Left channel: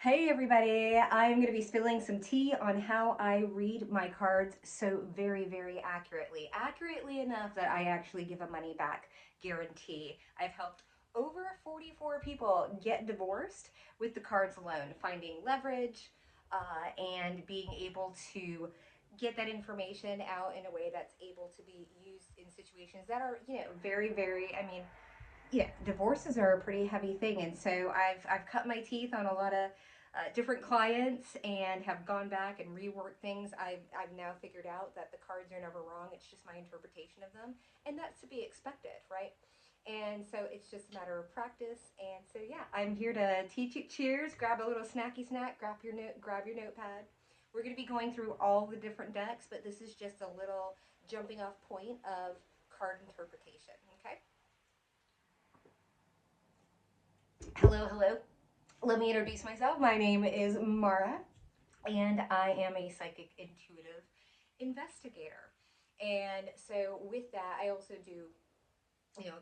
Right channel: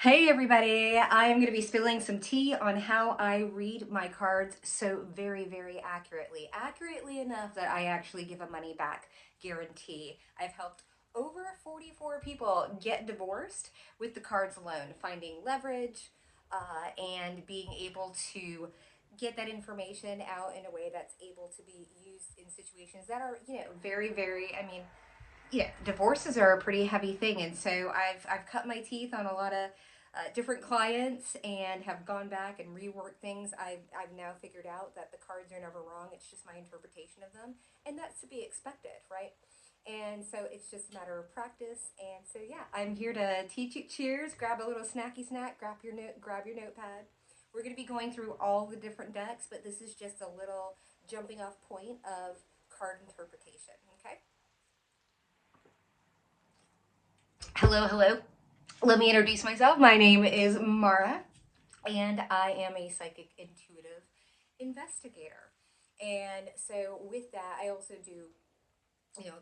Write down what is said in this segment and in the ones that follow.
Hey everybody, I am going to be spilling some tea on how I read my cards so very accurately. Accurately enough that I actually give a money back guarantee. I've helped over 44 people get divorced with the cards alone, finding leverage and being able to get that information out in a way that's able to be used in situations that are, I mean, yeah, divorces are a pretty heavy thing, and so I've cut my teeth on a lot of different clients and have gone back and reworked things. I've now figured out that the cards are never wrong. It's just my interpretation of them, and that's to be expected, right? And so it's just a matter of practice. And so yeah, I'm here to teach you. Cheers! Grab a little snacky snack. Grab your notepad. We're going to be going through all the different decks, but this is just a little jumping off point of card interpretation. Okay. Hello. Let me introduce myself. My name is Mara, and I am a psychic intuitive investigator. And so, with that, I also do,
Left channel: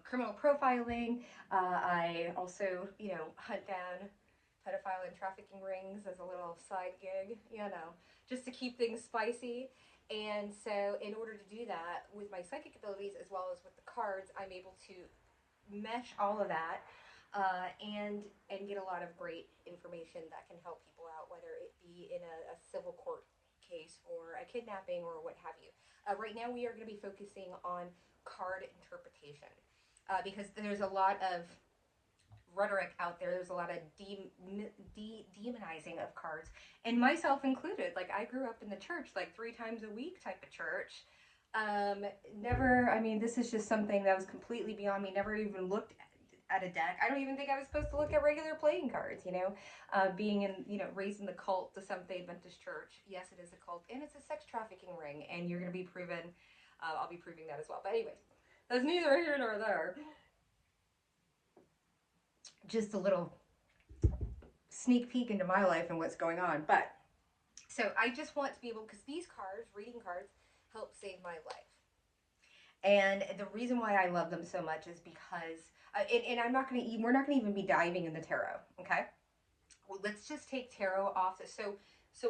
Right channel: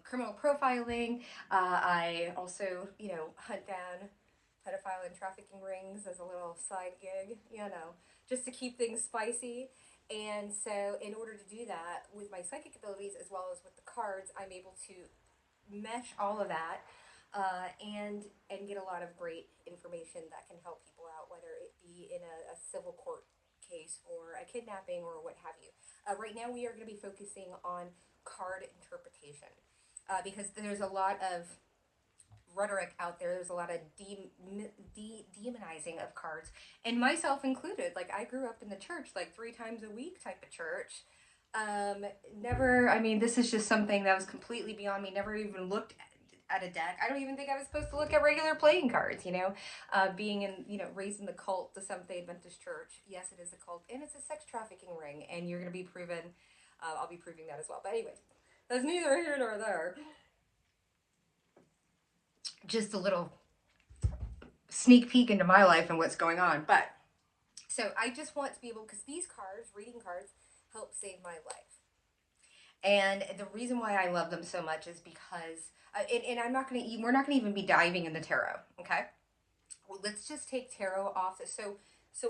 criminal profiling. I also, hunt down pedophile and trafficking rings as a little side gig, just to keep things spicy. And so, in order to do that with my psychic abilities as well as with the cards, I'm able to mesh all of that and get a lot of great information that can help people out, whether it be in a civil court case or a kidnapping or what have you. Right now, we are going to be focusing on card interpretation because there's a lot of rhetoric out there. There's a lot of demonizing of cards, and myself included. Like, I grew up in the church, like 3 times a week type of church. Never, I mean, this is just something that was completely beyond me. Never even looked at a deck. I don't even think I was supposed to look at regular playing cards, being in, raised in the cult, the Seventh day Adventist church. Yes, it is a cult, and it's a sex trafficking ring, and you're going to be proven, I'll be proving that as well. But anyways, that's neither here nor there. Just a little sneak peek into my life and what's going on. But so I just want to be able, because these cards, reading cards, help save my life. And the reason why I love them so much is because, and I'm not going to, we're not going to even be diving into tarot, okay? Well, let's just take tarot off. So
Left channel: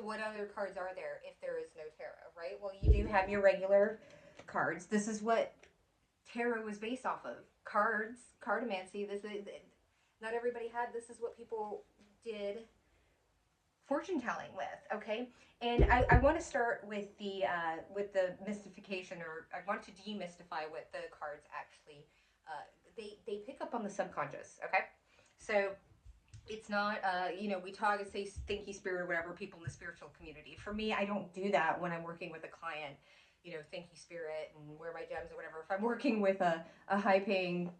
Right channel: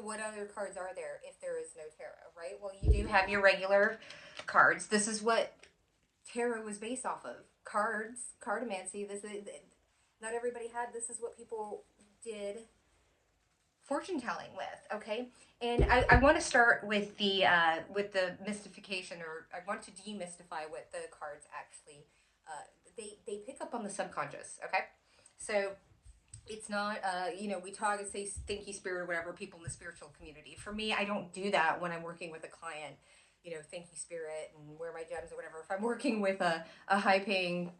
what other cards are there if there is no tarot, right? Well, you do have your regular cards. This is what tarot was based off of. Cards, cardomancy. This is, not everybody had, this is what people did fortune telling with, okay? And I want to start with the mystification, or I want to demystify what the cards actually they pick up on the subconscious, okay? So it's not we talk and say stinky spirit or whatever, people in the spiritual community. For me, I don't do that when I'm working with a client, thank you spirit and wear my gems or whatever. If I'm working with a high paying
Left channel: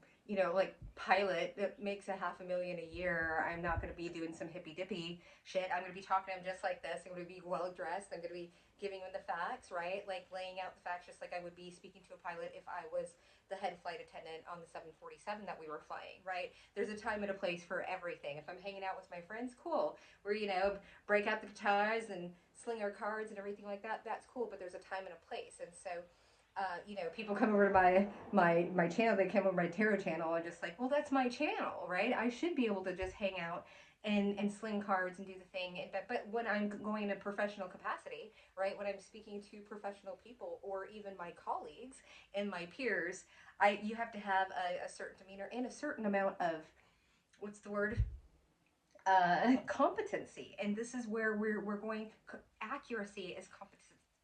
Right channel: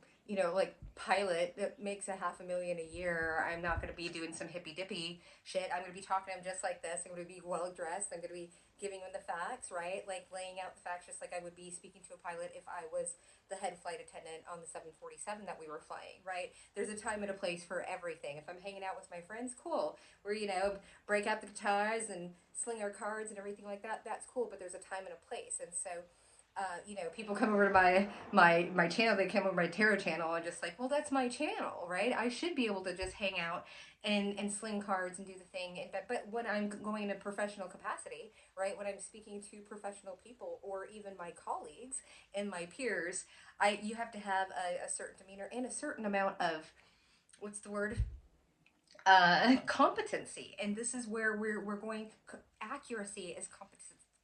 like pilot that makes $500,000 a year, I'm not going to be doing some hippy dippy shit. I'm going to be talking to him just like this. I'm going to be well dressed. I'm going to be giving him the facts, right? Like laying out the facts just like I would be speaking to a pilot if I was the head flight attendant on the 747 that we were flying, right? There's a time and a place for everything. If I'm hanging out with my friends, cool. We're, break out the guitars and sling our cards and everything like that. That's cool, but there's a time and a place. And so people come over to my channel. They come over to my tarot channel and just like, well, that's my channel, right? I should be able to just hang out and sling cards and do the thing. But when I'm going in a professional capacity, right? When I'm speaking to professional people or even my colleagues and my peers, you have to have a certain demeanor and a certain amount of, what's the word? Competency. And this is where we're going. Accuracy is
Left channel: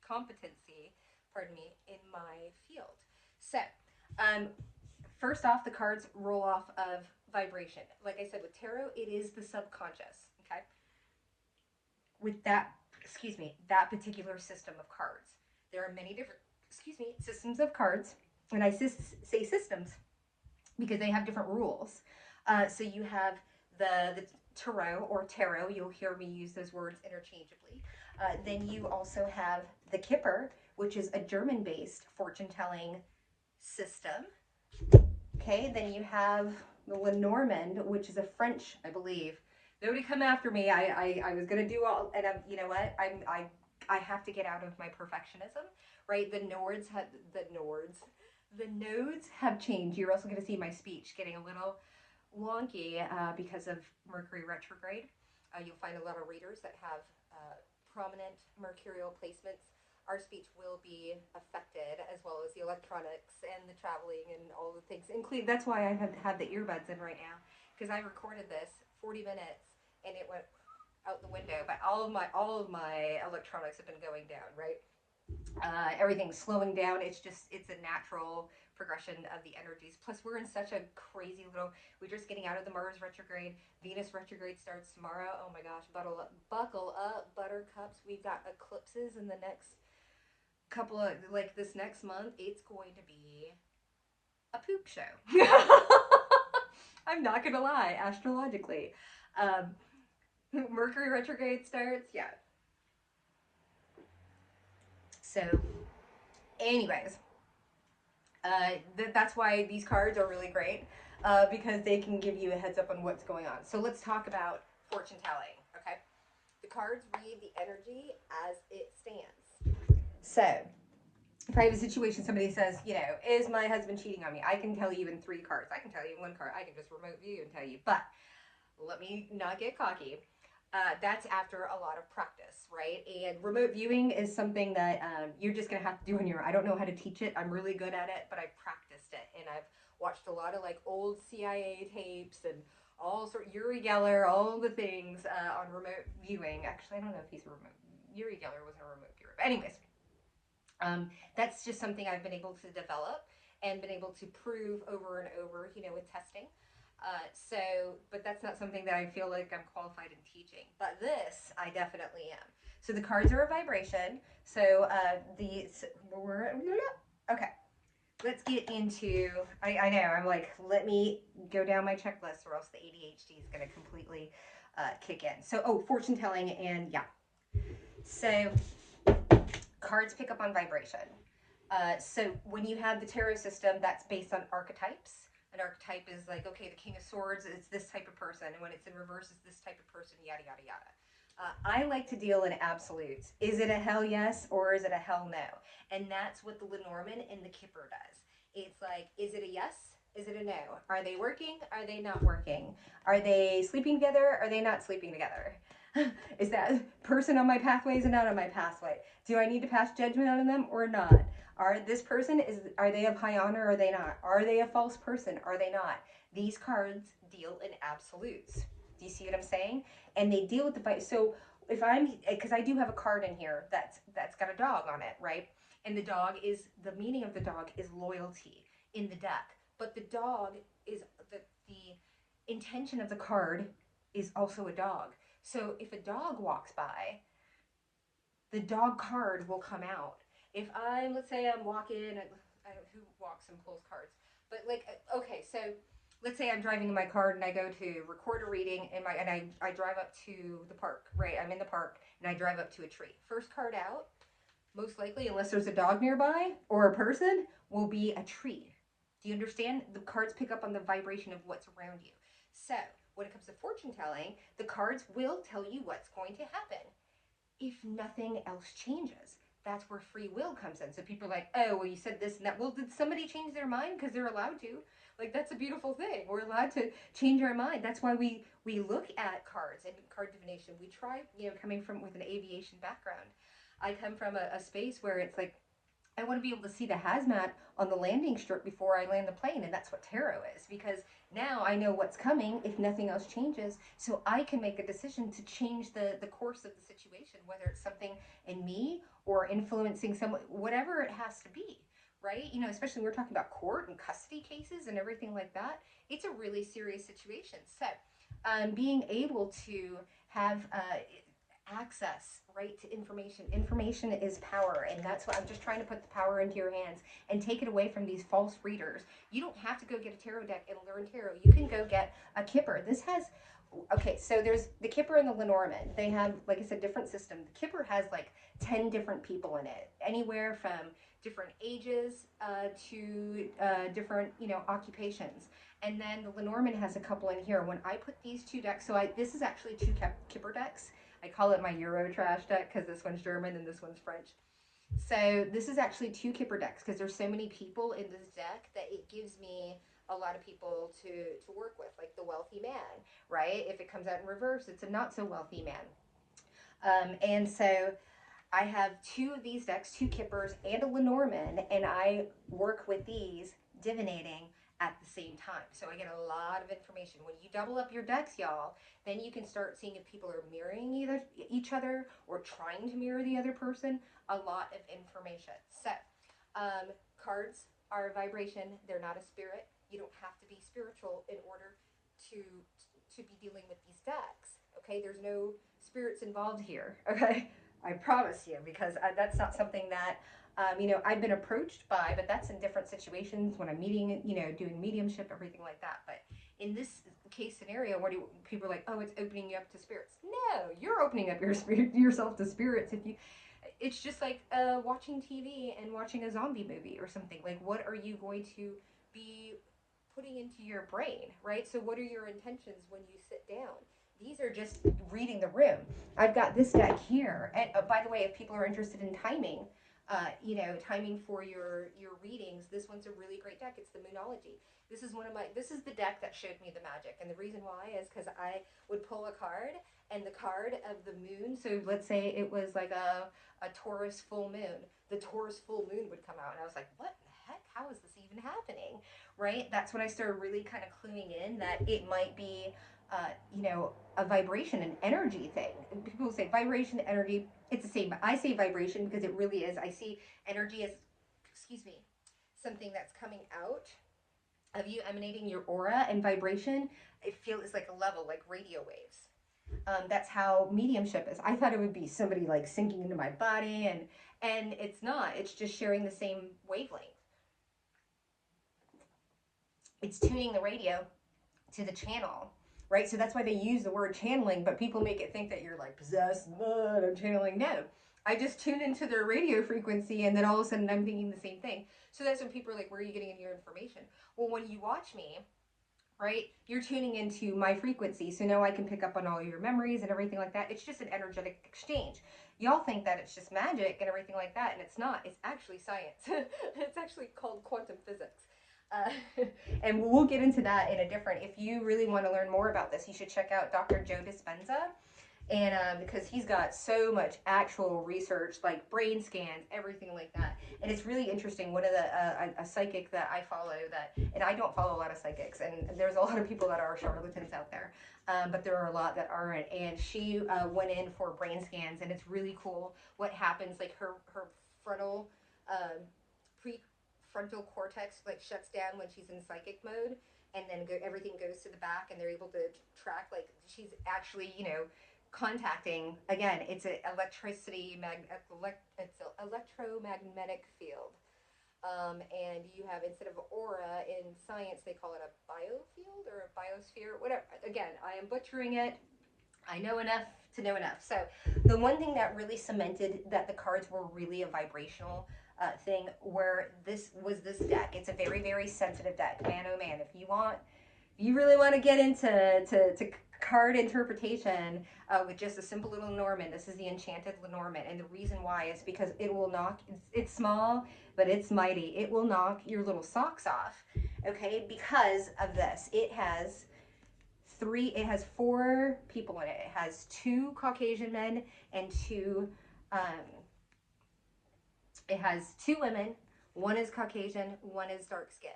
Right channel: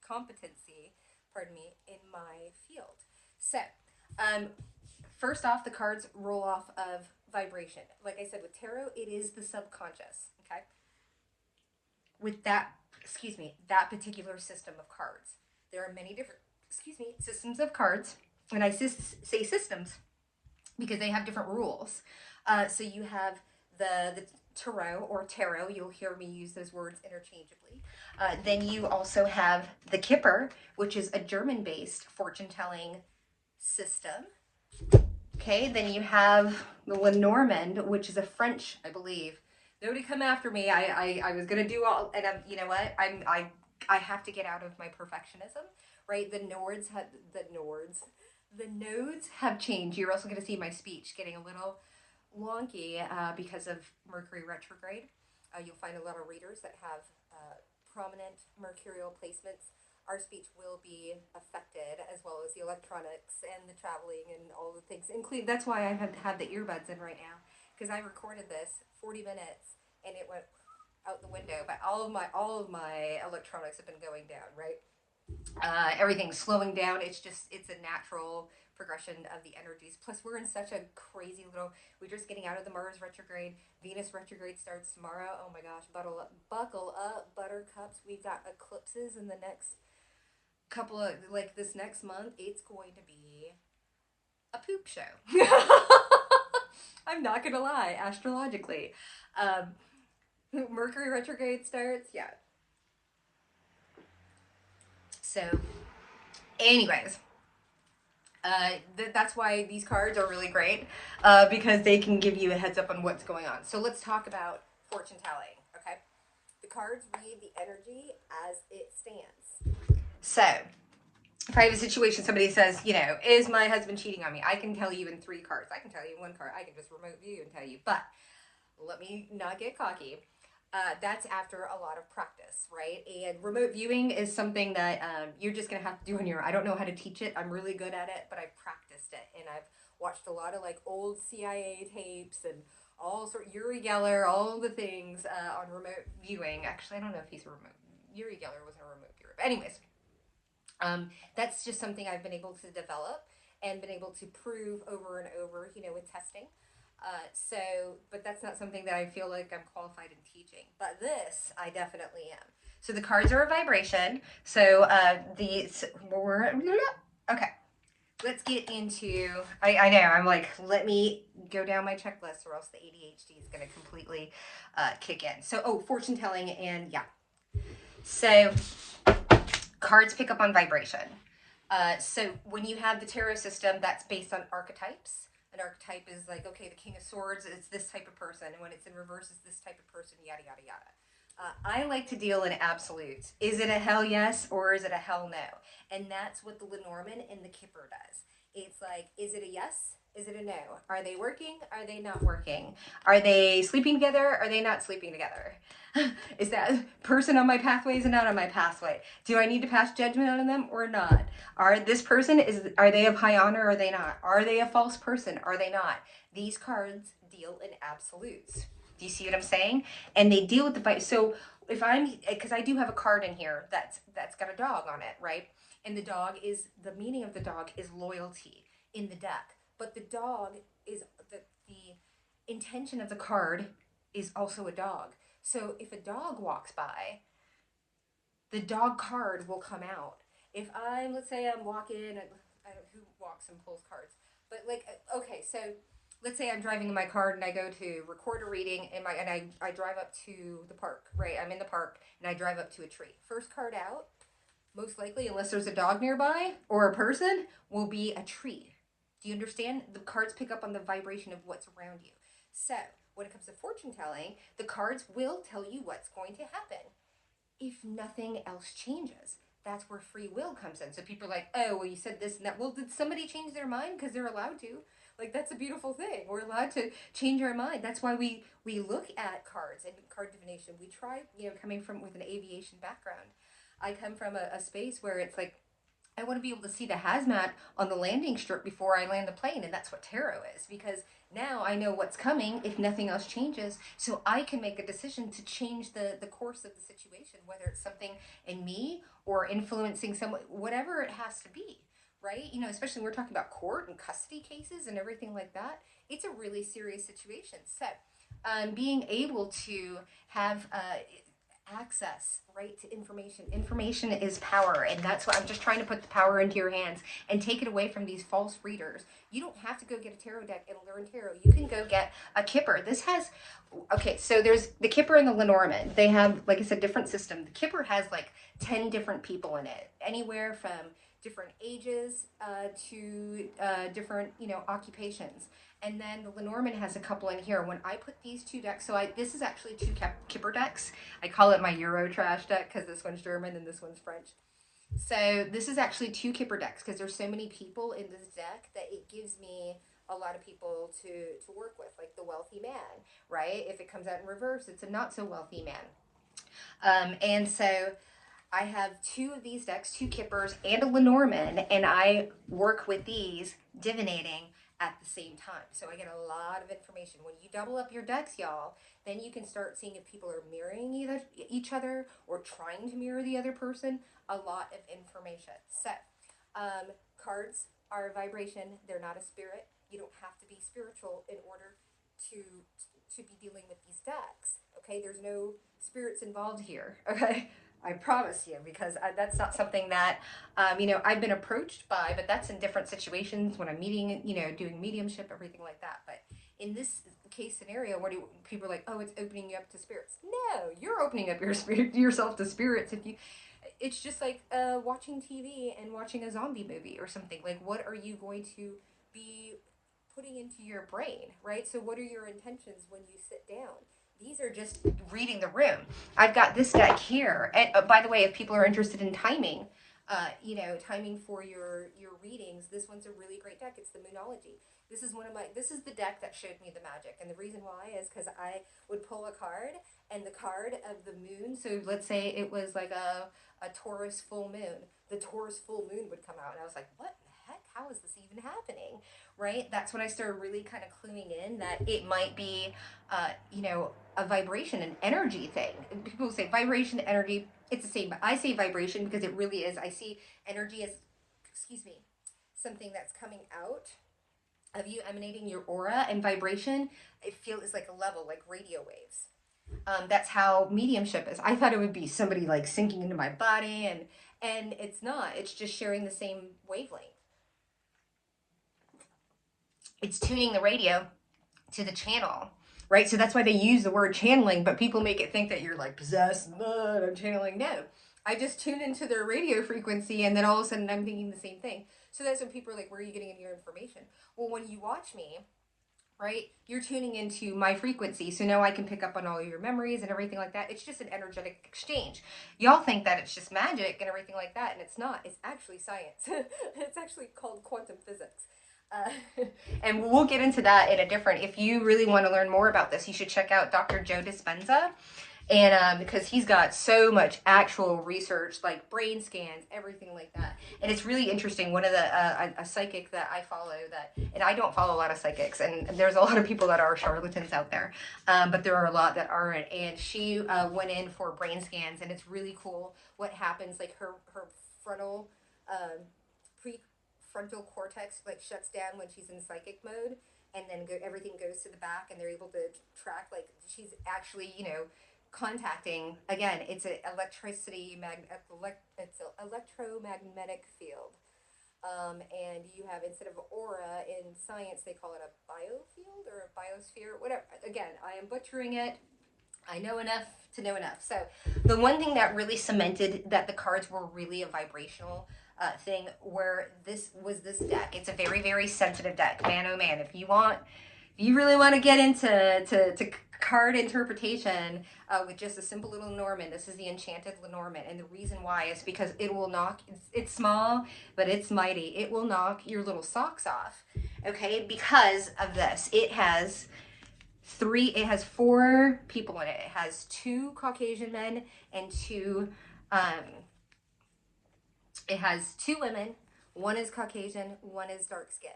competency, pardon me, in my field. So, first off, the cards roll off of vibration. Like I said, with tarot, it is the subconscious, okay? With that, that particular system of cards. There are many different, systems of cards. And I say systems because they have different rules. So you have the tarot, you'll hear me use those words interchangeably. Then you also have the Kipper, which is a German-based fortune-telling system. Okay, then you have the Lenormand, which is a French, I believe. Nobody come after me. I was gonna do all, and you know what? I have to get out of my perfectionism, right? The nodes have changed. You're also gonna see my speech getting a little wonky because of Mercury retrograde. You'll find a lot of readers that have prominent mercurial placements. Our speech will be affected, as well as the electronics and the traveling and all the things. Include that's why I have the earbuds in right now, because I recorded this 40 minutes and it went out the window. But all of my electronics have been going down, right? Everything's slowing down. It's a natural progression of the energies. Plus, we're in such a crazy little. We're just getting out of the Mars retrograde. Venus retrograde starts tomorrow. Oh my gosh, buckle up, buttercups. We've got eclipses in the next couple of like this next month. It's going to be a poop show. I'm not gonna lie. Astrologically, Mercury retrograde starts. Yeah. So, anyways, that's why these cards are really great, because they can give you a heads up on what's going on. So let's talk about fortune telling, okay? The cards read the energy as it stands. So, if I have a situation, somebody says, you know, is my husband cheating on me? I can tell you in 3 cards. I can tell you in 1 card. I can just remote view and tell you. But let me not get cocky. That's after a lot of practice, right? And remote viewing is something that you're just going to have to do on your own. I don't know how to teach it. I'm really good at it, but I've practiced it. And I've watched a lot of like old CIA tapes and all sort of Uri Geller, all the things on remote viewing. Actually, I don't know if he's a remote. Uri Geller wasn't a remote viewer. But anyways, that's just something I've been able to develop and been able to prove over and over, you know, with testing. But that's not something that I feel like I'm qualified in teaching. But this, I definitely am. So the cards are a vibration. So okay. Let's get into, I know, I'm like, let me go down my checklist or else the ADHD is going to completely kick in. So, fortune telling and yeah. So cards pick up on vibration. So when you have the tarot system, that's based on archetypes. An archetype is like, okay, the King of Swords is this type of person, and when it's in reverse, it's this type of person, yada, yada, yada. I like to deal in absolutes. Is it a hell yes or is it a hell no? And that's what the Lenormand and the Kipper does. It's like, is it a yes? Is it a no? Are they working? Are they not working? Are they sleeping together? Are they not sleeping together? Is that person on my pathway is not on my pathway? Do I need to pass judgment on them or not? Are they of high honor or are they not? Are they a false person? Are they not? These cards deal in absolutes. Do you see what I'm saying? And they deal with the fight. So because I do have a card in here that's got a dog on it, right? And the meaning of the dog is loyalty in the deck. But the dog is the intention of the card is also a dog. So if a dog walks by, the dog card will come out. If let's say I'm walking, and I don't know who walks and pulls cards, but like, okay, so let's say I'm driving in my car and I go to record a reading and I drive up to the park, right? I'm in the park and I drive up to a tree. First card out, most likely, unless there's a dog nearby or a person, will be a tree. Do you understand? The cards pick up on the vibration of what's around you. So when it comes to fortune telling, the cards will tell you what's going to happen if nothing else changes. That's where free will comes in. So people are like, oh, well, you said this and that. Well, did somebody change their mind? Because they're allowed to. Like, that's a beautiful thing. We're allowed to change our mind. That's why we look at cards and card divination. We try, coming from with an aviation background. I come from a space where it's like, I want to be able to see the hazmat on the landing strip before I land the plane. And that's what tarot is, because now I know what's coming if nothing else changes. So I can make a decision to change the course of the situation, whether it's something in me or influencing someone, whatever it has to be, right? Especially when we're talking about court and custody cases and everything like that. It's a really serious situation. So being able to have access, right, to information. Information is power, and that's what I'm just trying to put the power into your hands and take it away from these false readers. You don't have to go get a tarot deck and learn tarot. You can go get a Kipper. So there's the Kipper and the Lenormand. They have, like I said, different system. The Kipper has like 10 different people in it, anywhere from different ages to different, occupations. And then the Lenormand has a couple in here. When I put these 2 decks, this is actually 2 Kipper decks. I call it my Euro trash deck because this one's German and this one's French. So this is actually 2 Kipper decks because there's so many people in this deck that it gives me a lot of people to work with, like the wealthy man, right? If it comes out in reverse, it's a not so wealthy man. And so I have two of these decks, two Kippers and a Lenormand, and I work with these divinating at the same time. So I get a lot of information. When you double up your decks, y'all, then you can start seeing if people are mirroring either each other or trying to mirror the other person. A lot of information. So cards are a vibration. They're not a spirit. You don't have to be spiritual in order to to be dealing with these decks. Okay, there's no spirits involved here. Okay, I promise you, because that's not something that, I've been approached by, but that's in different situations when I'm meeting, doing mediumship, everything like that. But in this case scenario, what do people are like? Oh, it's opening you up to spirits. No, you're opening up yourself to spirits. It's just like watching TV and watching a zombie movie or something. Like, what are you going to be putting into your brain, right? So, what are your intentions when you sit down? These are just reading the room. I've got this deck here, and by the way, if people are interested in timing, timing for your readings, this one's a really great deck. It's the Moonology. This is the deck that showed me the magic, and the reason why is because I would pull a card, and the card of the moon. So let's say it was like a Taurus full moon. The Taurus full moon would come out, and I was like, what in the heck? How is this even happening? Right? That's when I started really kind of cluing in that it might be, a vibration, an energy thing. People say vibration, energy, it's the same, but I say vibration because it really is. I see energy as, excuse me, something that's coming out of you, emanating your aura, and vibration, I feel is like a level, like radio waves. That's how mediumship is. I thought it would be somebody like sinking into my body, and it's not. It's just sharing the same wavelength. It's tuning the radio to the channel, right? So that's why they use the word channeling, but people make it think that you're like possessed, I'm channeling. No, I just tune into their radio frequency, and then all of a sudden I'm thinking the same thing. So that's when people are like, where are you getting your information? Well, when you watch me, right, you're tuning into my frequency, so now I can pick up on all your memories and everything like that. It's just an energetic exchange. Y'all think that it's just magic and everything like that, and it's not. It's actually science. It's actually called quantum physics. And we'll get into that in a different, if you really want to learn more about this, you should check out Dr. Joe Dispenza. And because he's got so much actual research, like brain scans, everything like that. And it's really interesting. One of the, a psychic that I follow and I don't follow a lot of psychics, and there's a lot of people that are charlatans out there, but there are a lot that aren't. And she went in for brain scans, and it's really cool what happens. Like her frontal, prefrontal cortex like shuts down when she's in psychic mode, and then everything goes to the back, and they're able to track, like she's actually, contacting, again, it's an it's an electromagnetic field. And you have, instead of aura in science, they call it a biofield or a biosphere, whatever. Again, I am butchering it. I know enough to know enough. So the one thing that really cemented that the cards were really a vibrational thing, where this deck. It's a very, very sensitive deck. Man, oh man, if you really want to get into card interpretation with just a simple little Lenormand, this is the Enchanted Lenormand. And the reason why is because it will knock, it's small, but it's mighty. It will knock your little socks off, okay, because of this. It has four people in it. It has two Caucasian men and it has two women. One is Caucasian, one is dark skinned.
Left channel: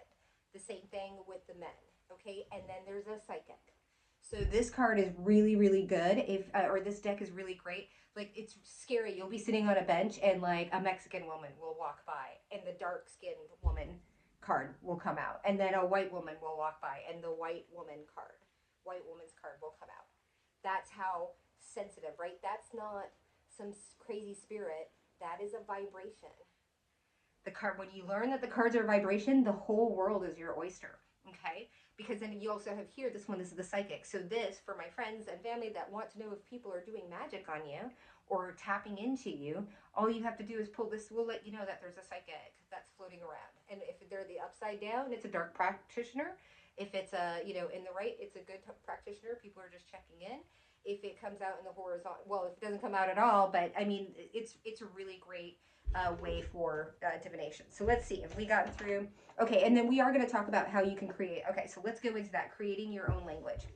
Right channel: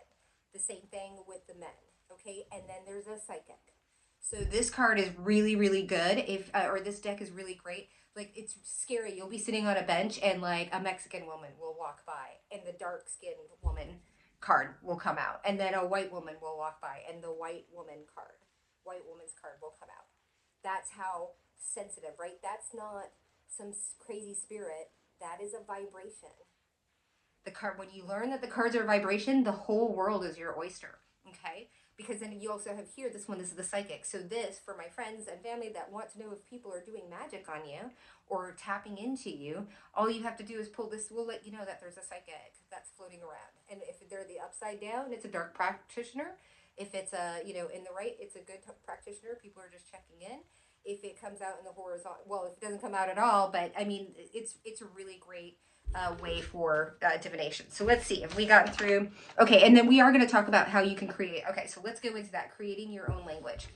The same thing with the men, okay? And then there's a psychic. So this card is really, really good. Or this deck is really great. Like, it's scary. You'll be sitting on a bench, and like a Mexican woman will walk by, and the dark-skinned woman card will come out, and then a white woman will walk by, and the white woman's card will come out. That's how sensitive, right? That's not some crazy spirit. That is a vibration. The card, when you learn that the cards are vibration, the whole world is your oyster, okay? Because then you also have here, this one is the psychic. So this, for my friends and family that want to know if people are doing magic on you or tapping into you, all you have to do is pull this. We'll let you know that there's a psychic that's floating around. And if they're the upside down, it's a dark practitioner. If it's in the right, it's a good practitioner. People are just checking in. If it comes out in the horizontal, well, if it doesn't come out at all, but I mean, it's a really great way for divination. So let's see if we got through. Okay, and then we are going to talk about how you can create. Okay, so let's go into that, creating your own language.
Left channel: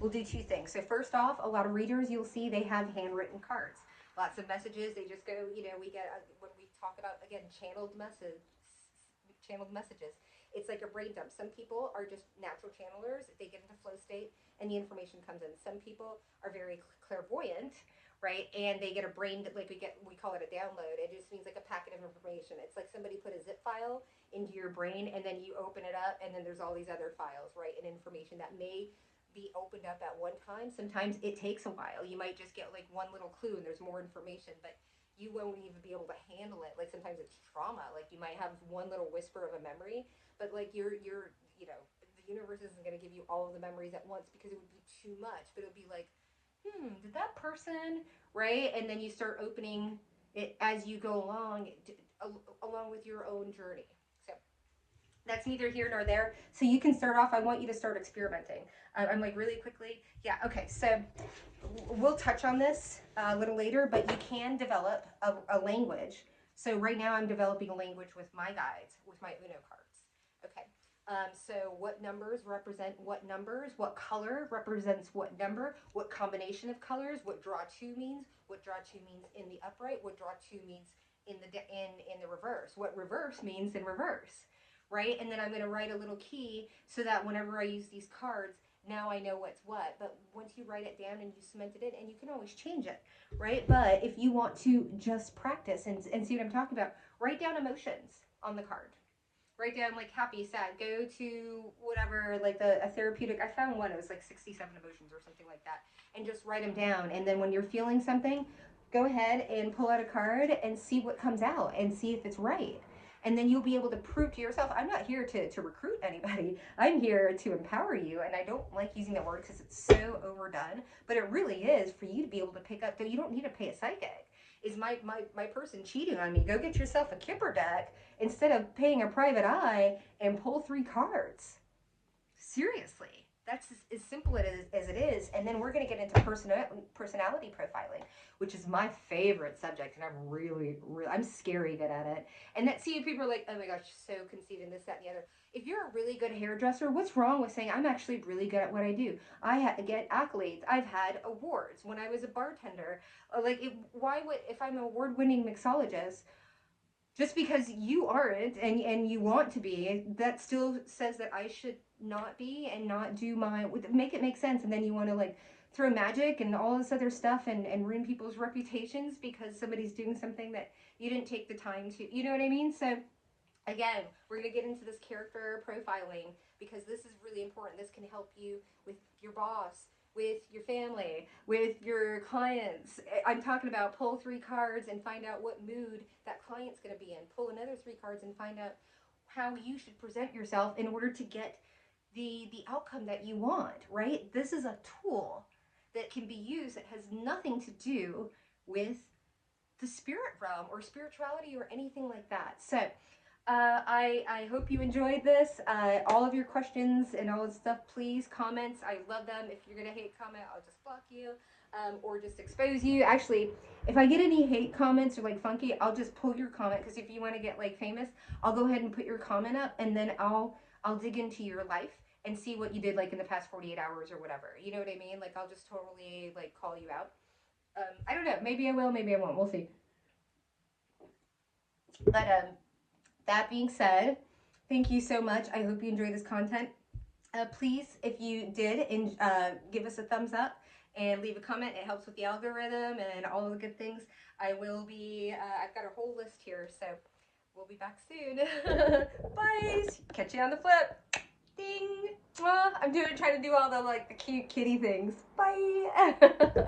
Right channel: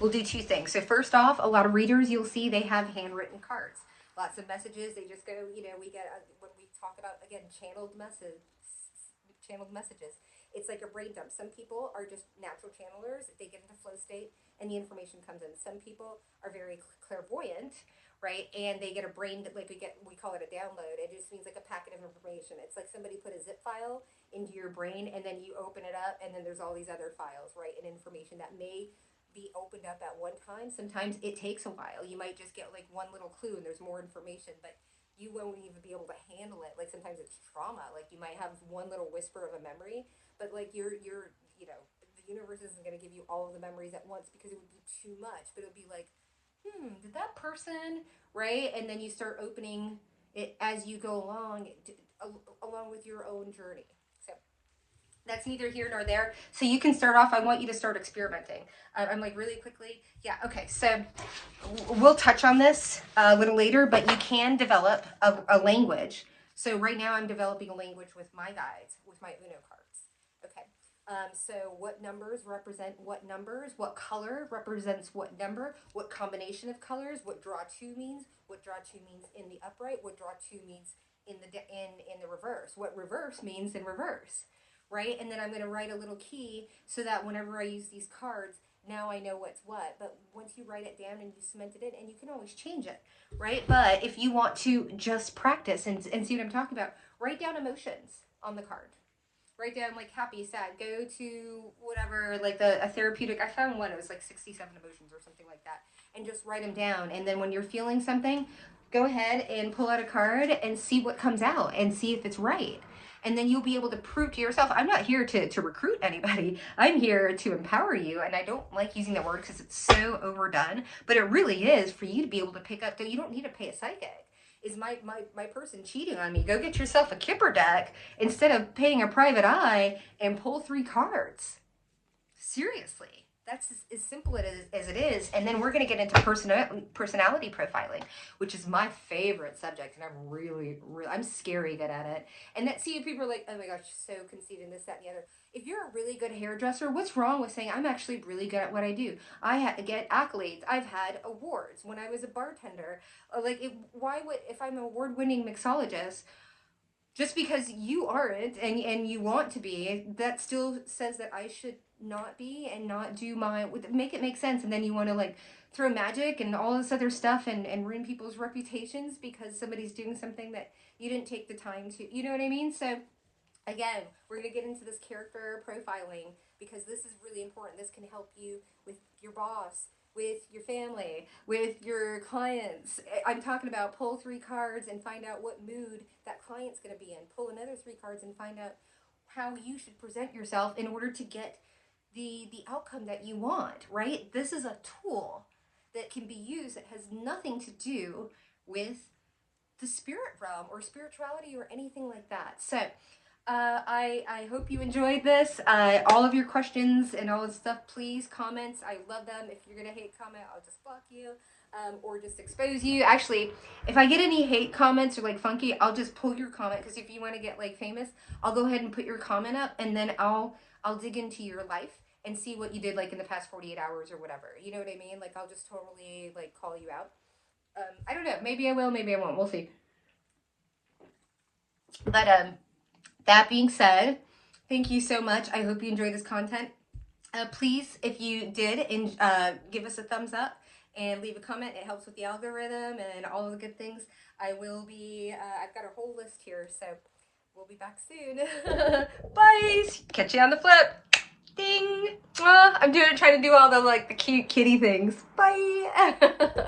We'll do two things. So first off, a lot of readers, you'll see they have handwritten cards. Lots of messages. They just go, you know, we get, when we talk about, again, channeled messages, it's like a brain dump. Some people are just natural channelers. They get into flow state and the information comes in. Some people are very clairvoyant, right? And they get a brain, like we call it a download. It just means like a packet of information. It's like somebody put a zip file into your brain and then you open it up and then there's all these other files, right? And information that may be opened up at one time. Sometimes it takes a while. You might just get like one little clue and there's more information, but you won't even be able to handle it. Like sometimes it's trauma. Like you might have one little whisper of a memory, but like you're you know, the universe isn't going to give you all of the memories at once because it would be too much. But it would be like, did that person, right? And then you start opening it as you go along, along with your own journey. So that's neither here nor there. So you can start off, I want you to start experimenting. I'm like really quickly. Yeah, okay. So we'll touch on this a little later, but you can develop a language. So right now I'm developing a language with my guides, with my Uno cards. Okay. So what numbers represent what numbers, what color represents what number, what combination of colors, what draw two means, what draw two means in the upright, what draw two means in the reverse, what reverse means in reverse, right? And then I'm going to write a little key so that whenever I use these cards, now I know what's what. But once you write it down and you cement it in, and you can always change it, right? But if you want to just practice and see what I'm talking about, write down emotions on the card. Write down like happy, sad, go to whatever, like a therapeutic. I found one, it was like 67 emotions or something like that. And just write them down. And then when you're feeling something, go ahead and pull out a card and see what comes out and see if it's right. And then you'll be able to prove to yourself, I'm not here to recruit anybody. I'm here to empower you. And I don't like using that word because it's so overdone, but it really is for you to be able to pick up. You don't need to pay a psychic. Is my person cheating on me? Go get yourself a Kipper deck instead of paying a private eye and pull 3 cards. Seriously. That's as simple as it is. And then we're going to get into personality profiling, which is my favorite subject. And I'm scary good at it. And that, see, people are like, oh my gosh, so conceited, this, that, and the other. If you're a really good hairdresser, what's wrong with saying, I'm actually really good at what I do? I get accolades. I've had awards when I was a bartender. Like, if I'm an award-winning mixologist, just because you aren't and you want to be, that still says that I should not be and not do make it make sense. And then you want to like throw magic and all this other stuff and ruin people's reputations because somebody's doing something that you didn't take the time to, you know what I mean? So again, we're going to get into this character profiling because this is really important. This can help you with your boss, with your family, with your clients. I'm talking about pull 3 cards and find out what mood that client's going to be in. Pull another 3 cards and find out how you should present yourself in order to get the outcome that you want, right? This is a tool that can be used that has nothing to do with the spirit realm or spirituality or anything like that. So I hope you enjoyed this. All of your questions and all this stuff, please, comments. I love them. If you're going to hate comment, I'll just block you or just expose you. Actually, if I get any hate comments or like funky, I'll just pull your comment because if you want to get like famous, I'll go ahead and put your comment up and then I'll dig into your life and see what you did like in the past 48 hours or whatever. You know what I mean? Like I'll just totally like call you out. I don't know. Maybe I will, maybe I won't. We'll see. But that being said, thank you so much. I hope you enjoyed this content. Please, if you did, give us a thumbs up and leave a comment. It helps with the algorithm and all of the good things. I will be, I've got a whole list here, so we'll be back soon. Bye. Catch you on the flip. Ding. I'm trying to do all the like the cute kitty things. Bye.